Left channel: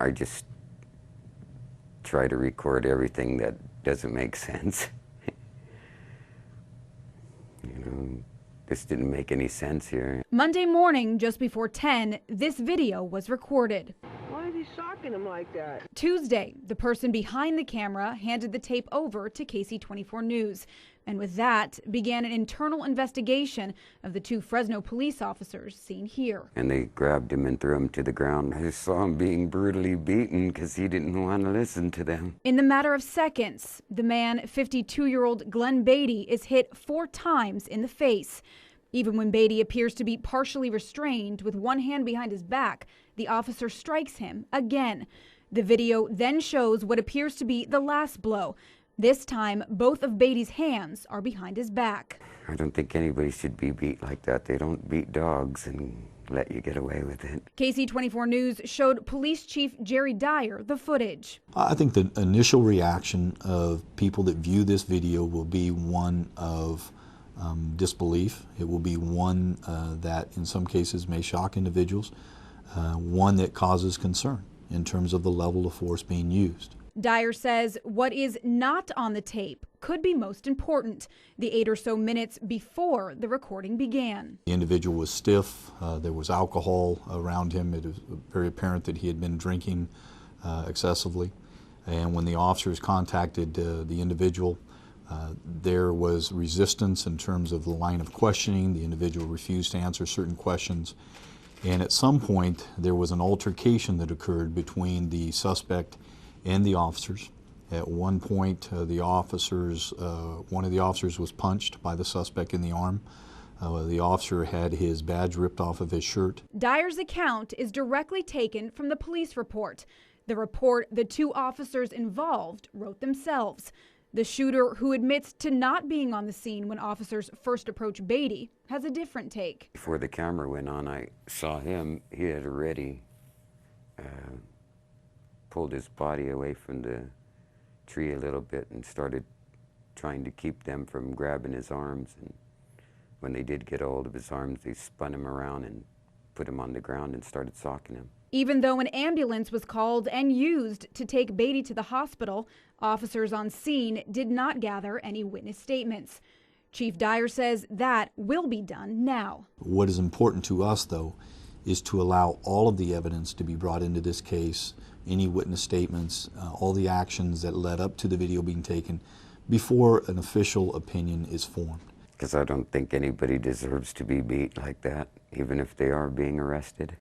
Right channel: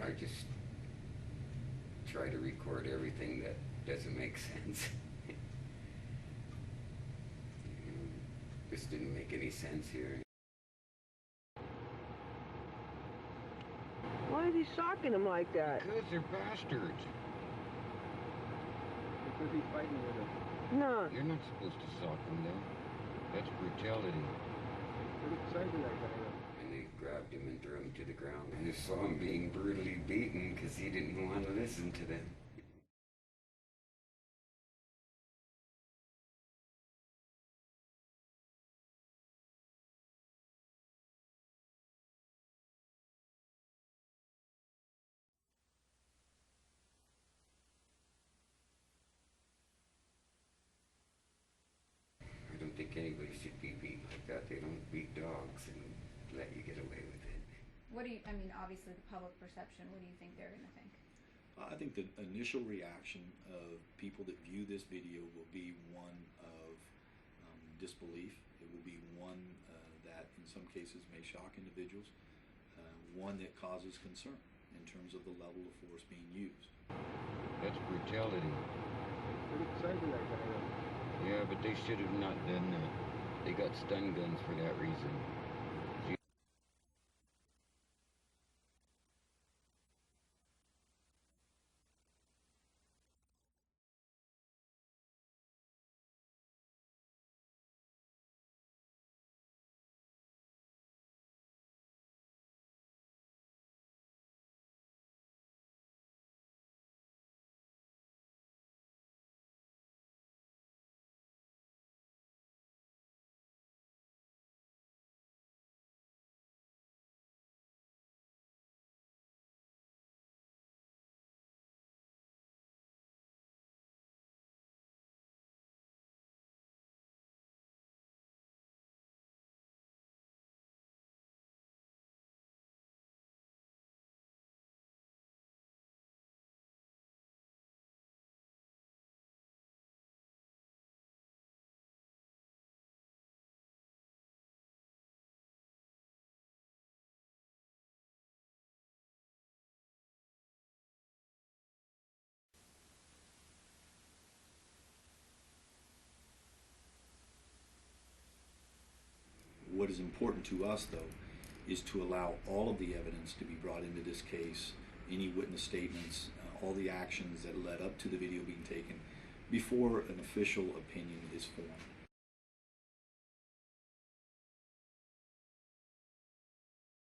I just try to record everything that doesn't make sense. This didn't make any sense here. Monday morning, just before 10, this video was recorded. Why is he shocking him like that? Tuesday, the person behind the camera handed the tape over to KC24 News. And with that, began an internal investigation of the two Fresno police officers seen here. And they grabbed him and threw him to the ground. I saw him being brutally beaten because he didn't want to listen to them. In the matter of seconds, the man, 52-year-old Glenn Beatty, is hit 4 times in the face. Even when Beatty appears to be partially restrained with one hand behind his back, the officer strikes him again. The video then shows what appears to be the last blow. This time, both of Beatty's hands are behind his back. I don't think anybody should be beat like that. They don't beat dogs and let you get away with it. KC24 News showed Police Chief Jerry Dyer the footage. I think the initial reaction of people that view this video will be one of disbelief. It will be one that in some cases may shock individuals, one that causes concern in terms of the level of force being used. Dyer says what is not on the tape could be most important, the 8 or so minutes before the recording began. The individual was stiff, there was alcohol around him. It was very apparent that he had been drinking excessively. And when the officers contacted the individual, there was resistance in terms of the line of questioning. The individual refused to answer certain questions. And at some point, there was an altercation that occurred between the suspect and the officers. At one point, one of the officers was punched by the suspect in the arm. The officer had his badge ripped off of his shirt. Dyer's account is directly taken from the police report. The report the 2 officers involved wrote themselves. The shooter, who admits to not being on the scene when officers first approached Beatty, has a different take. Before the camera went on, I saw him. He had already pulled his body away from the tree a little bit and started trying to keep them from grabbing his arms. And when they did get a hold of his arms, they spun him around and put him on the ground and started socking him. Even though an ambulance was called and used to take Beatty to the hospital, officers on scene did not gather any witness statements. Chief Dyer says that will be done now. What is important to us, though, is to allow all of the evidence to be brought into this case, any witness statements, all the actions that led up to the video being taken before an official opinion is formed. Because I don't think anybody deserves to be beat like that, even if they are being arrested.